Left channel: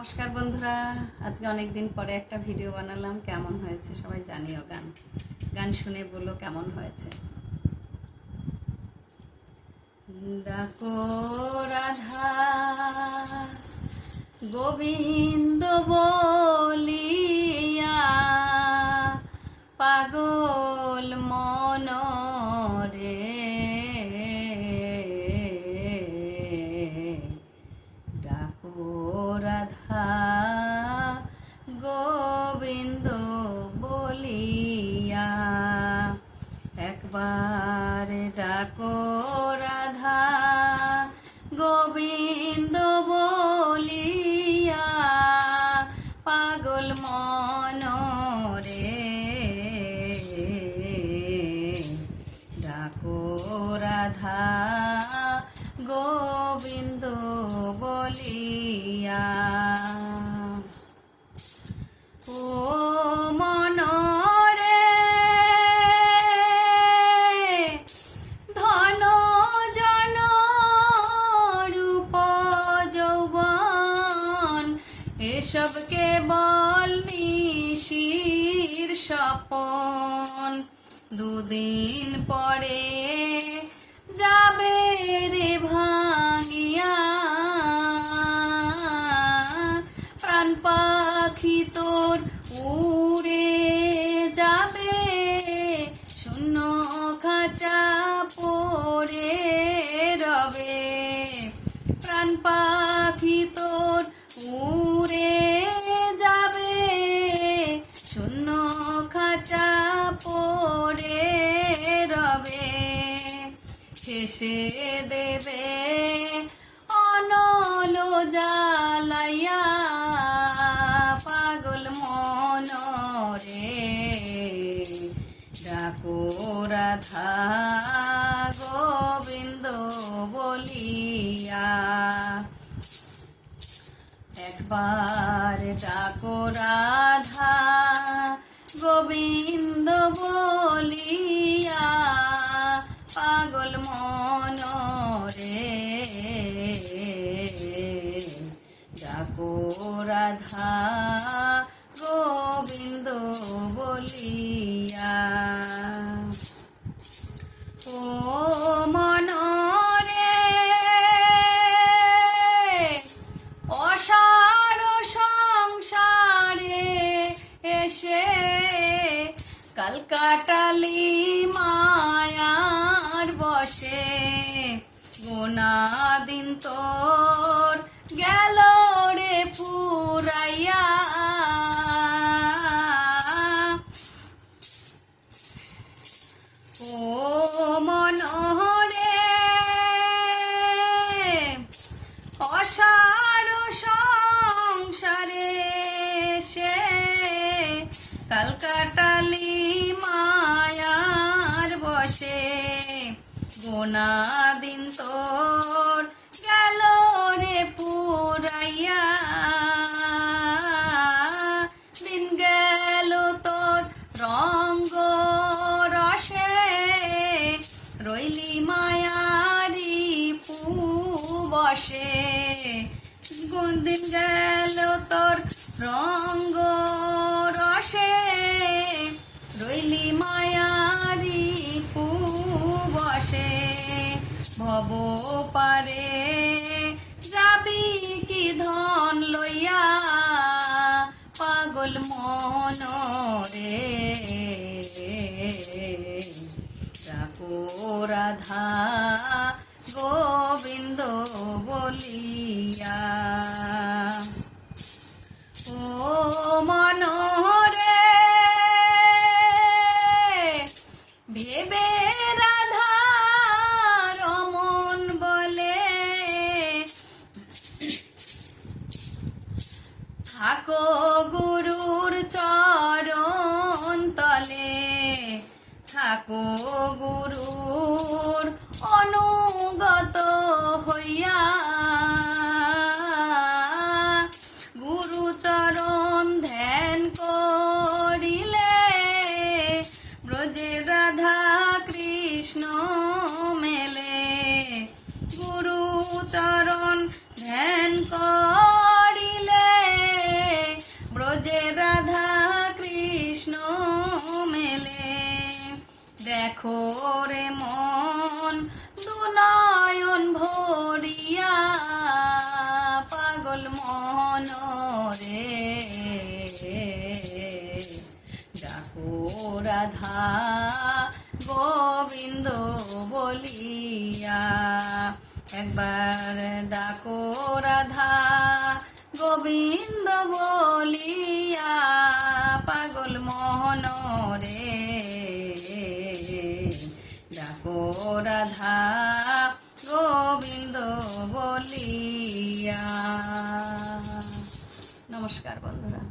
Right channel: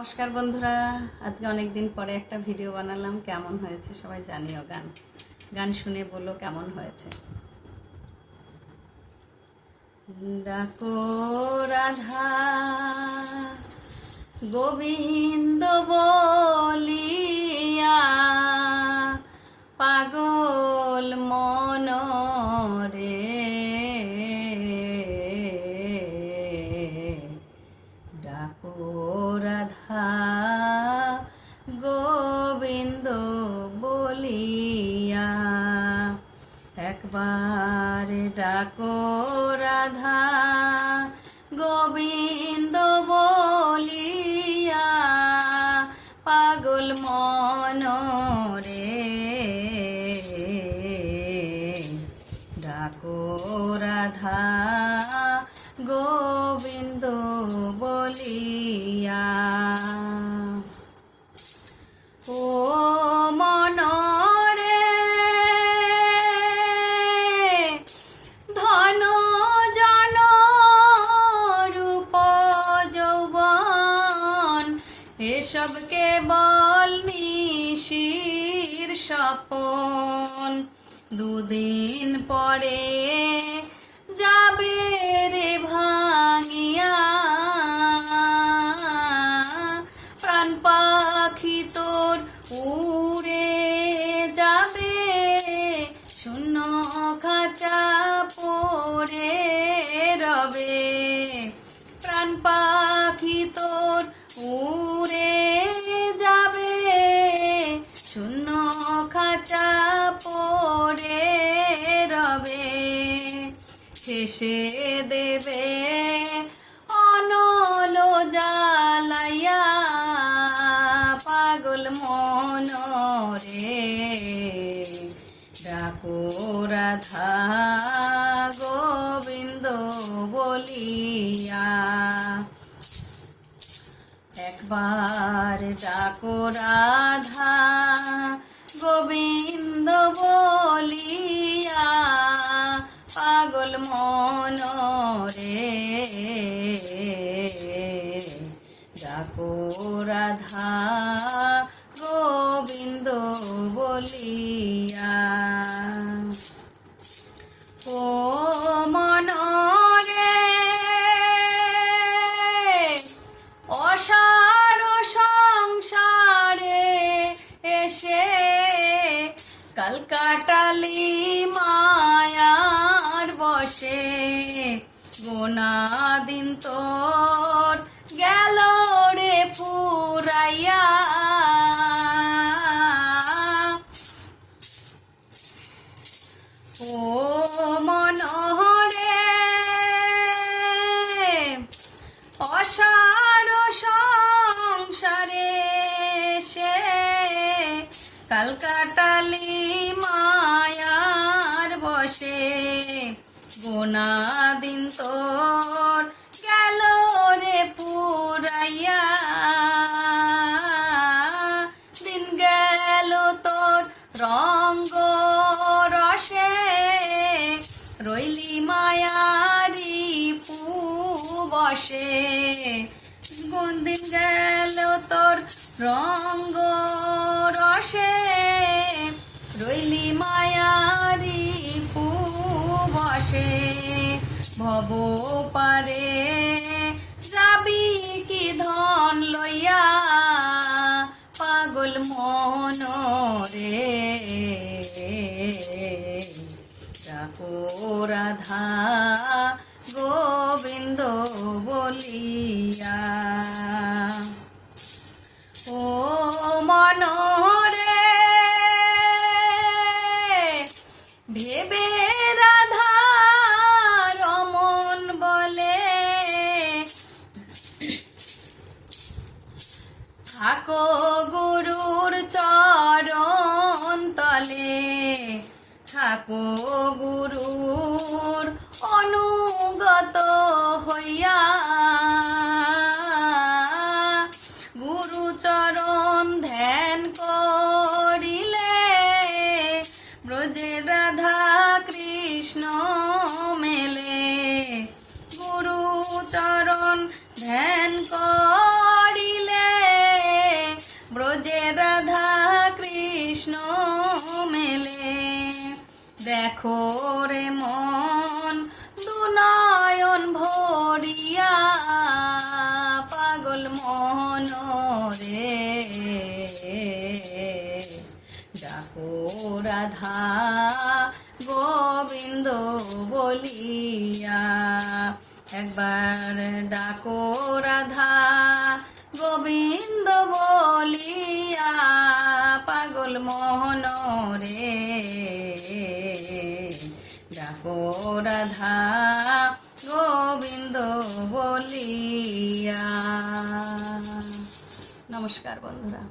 নমস্কার বন্ধুরা, আজকে অনেক দিন পরে একটা ভিডিও বানালাম। কেমন হয়েছে সবাই জানিও। গান শুনে বলো কেমন হয়েছে। ডাকো রাধা গোবিন্দ বলিয়া, পাগল মন রে ডাকো রাধা গোবিন্দ বলিয়া। একবার ডাকো রাধা গোবিন্দ বলিয়া, পাগল মন রে ডাকো রাধা গোবিন্দ বলিয়া। ও মন রে ধন জন রূপ যৌবন, এসব কেবল নিশির স্বপন। দুদিন পরে যাবে রে ভাঙিয়া, প্রাণ পাখি তোর উড়ে যাবে, শূন্য খাঁচা পড়ে রবে। প্রাণ পাখি তোর উড়ে যাবে, শূন্য খাঁচা পড়ে রবে। শেষে দেবে অনল জ্বালাইয়া, পাগল মন রে ডাকো রাধা গোবিন্দ বলিয়া। একবার ডাকো রাধা গোবিন্দ বলিয়া, পাগল মন রে ডাকো রাধা গোবিন্দ বলিয়া। ও মন রে অসার সংসারে এসে কাল কাটালি মায়ার বসে। গোনা দিন তোর গেল রে ফুরাইয়া, ও মন রে অসার সংসারে সে কাল কাটালি মায়ার বসে। গোনা দিন তোর গেল রে পুরাইয়া, দিন গেল তোর রঙ্গ রসে, রইলি মায়ারি বসে। দিন গেল তোর রঙ্গ রসে, রইলি মায়ারি বসে। ভব পারে যাবি কি ধন লইয়া, পাগল মন রে ডাকো রাধা গোবিন্দ বলিয়া। ও মন রে ভেবে রাধা রমন বলে, থাকো গুরুর চরণ তলে, থাকো গুরুর অনুগত হইয়া। গুরু চরণ ধ্যান করিলে, ব্রজে রাধা কৃষ্ণ মেলে। গুরু চরণ ধ্যান করিলে, দেখো রে মন দুনয়ন ভরিয়া পাগল মন রে ডাকো রাধা গোবিন্দ বলিয়া একবার ডাকো রাধা গোবিন্দ বলিয়া পাগল মোহন রে ডাকো রাধা গোবিন্দ বলিয়া। নমস্কার বন্ধুরা।